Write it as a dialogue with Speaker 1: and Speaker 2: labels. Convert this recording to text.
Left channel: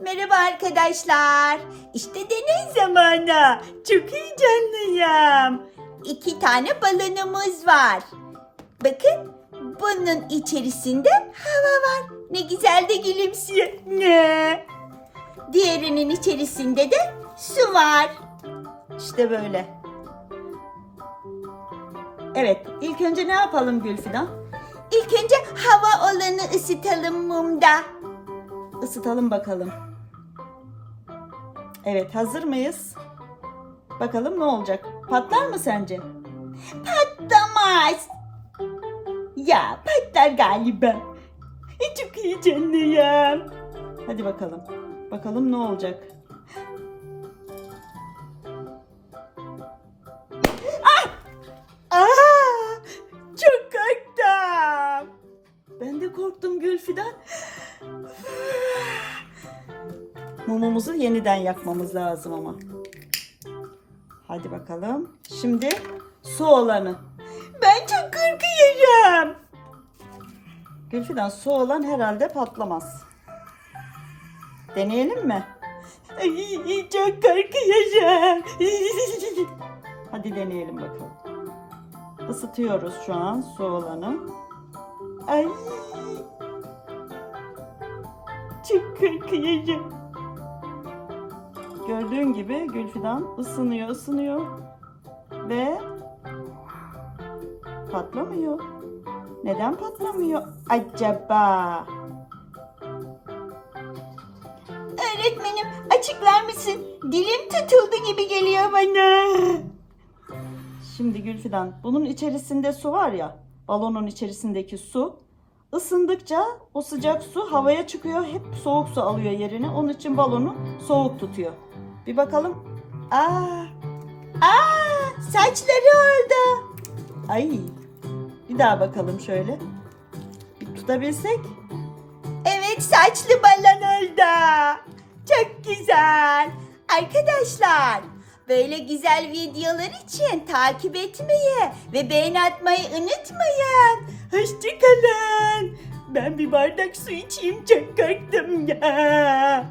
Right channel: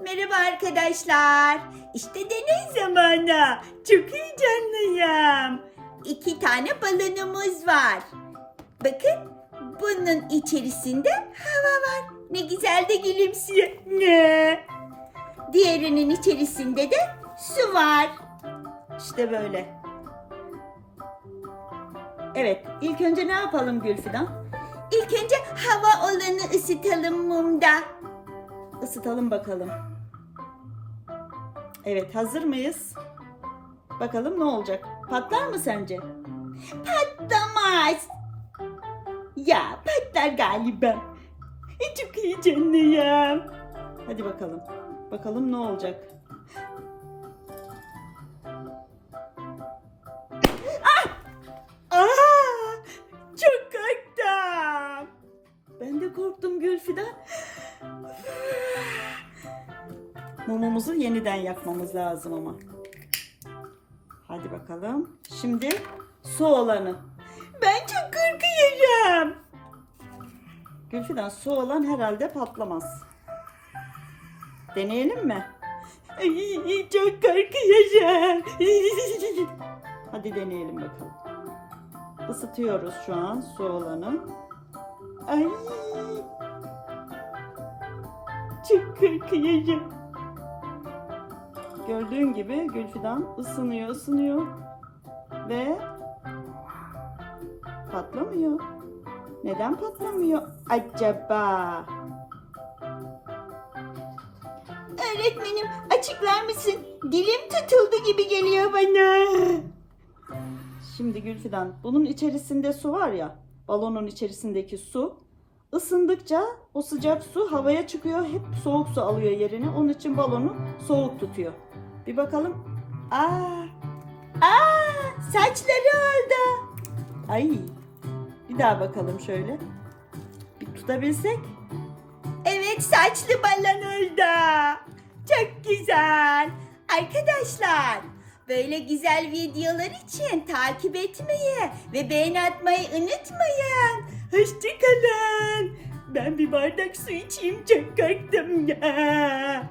Speaker 1: Merhaba arkadaşlar. İşte deney zamanı. Çok heyecanlıyım. İki tane balonumuz var. Bakın bunun içerisinde hava var. Ne güzel de gülümsüyor. Ne? Diğerinin içerisinde de su var. İşte böyle. Evet, ilk önce ne yapalım Gülfidan? İlk önce hava olanı ısıtalım mumda. Isıtalım bakalım. Evet, hazır mıyız? Bakalım ne olacak? Patlar mı sence? Patlamaz. Ya patlar galiba. Çok heyecanlıyım. Hadi bakalım. Bakalım ne olacak? Ah! Aa! Çok korktum. Ben de korktum Gülfidan. Mumumuzu yeniden yakmamız lazım ama. Hadi bakalım. Şimdi su olanı. Ben çok korkuyorum. Gülfidan su olan herhalde patlamaz. Deneyelim mi? Çok korkuyorum. Hadi deneyelim bakalım. Isıtıyoruz şu an su olanı. Ay. Çok korkuyorum. Gördüğün gibi Gülfidan ısınıyor, ısınıyor ve patlamıyor. Neden patlamıyor acaba? Öğretmenim açıklar mısın? Dilim tutuldu gibi geliyor bana. Şimdi Gülfidan bunun içerisinde su var ya balonun içerisindeki su ısındıkça o sıcak su havaya çıkıyor hep soğuk su alıyor yerine onun için balonu soğuk tutuyor. Bir bakalım. Aa, aa saçları oldu. Ay bir daha bakalım şöyle. Bir tutabilsek. Evet saçlı balon oldu. Çok güzel. Arkadaşlar böyle güzel videolar için takip etmeyi ve beğeni atmayı unutmayın. Hoşçakalın. Ben bir bardak su içeyim çok ya.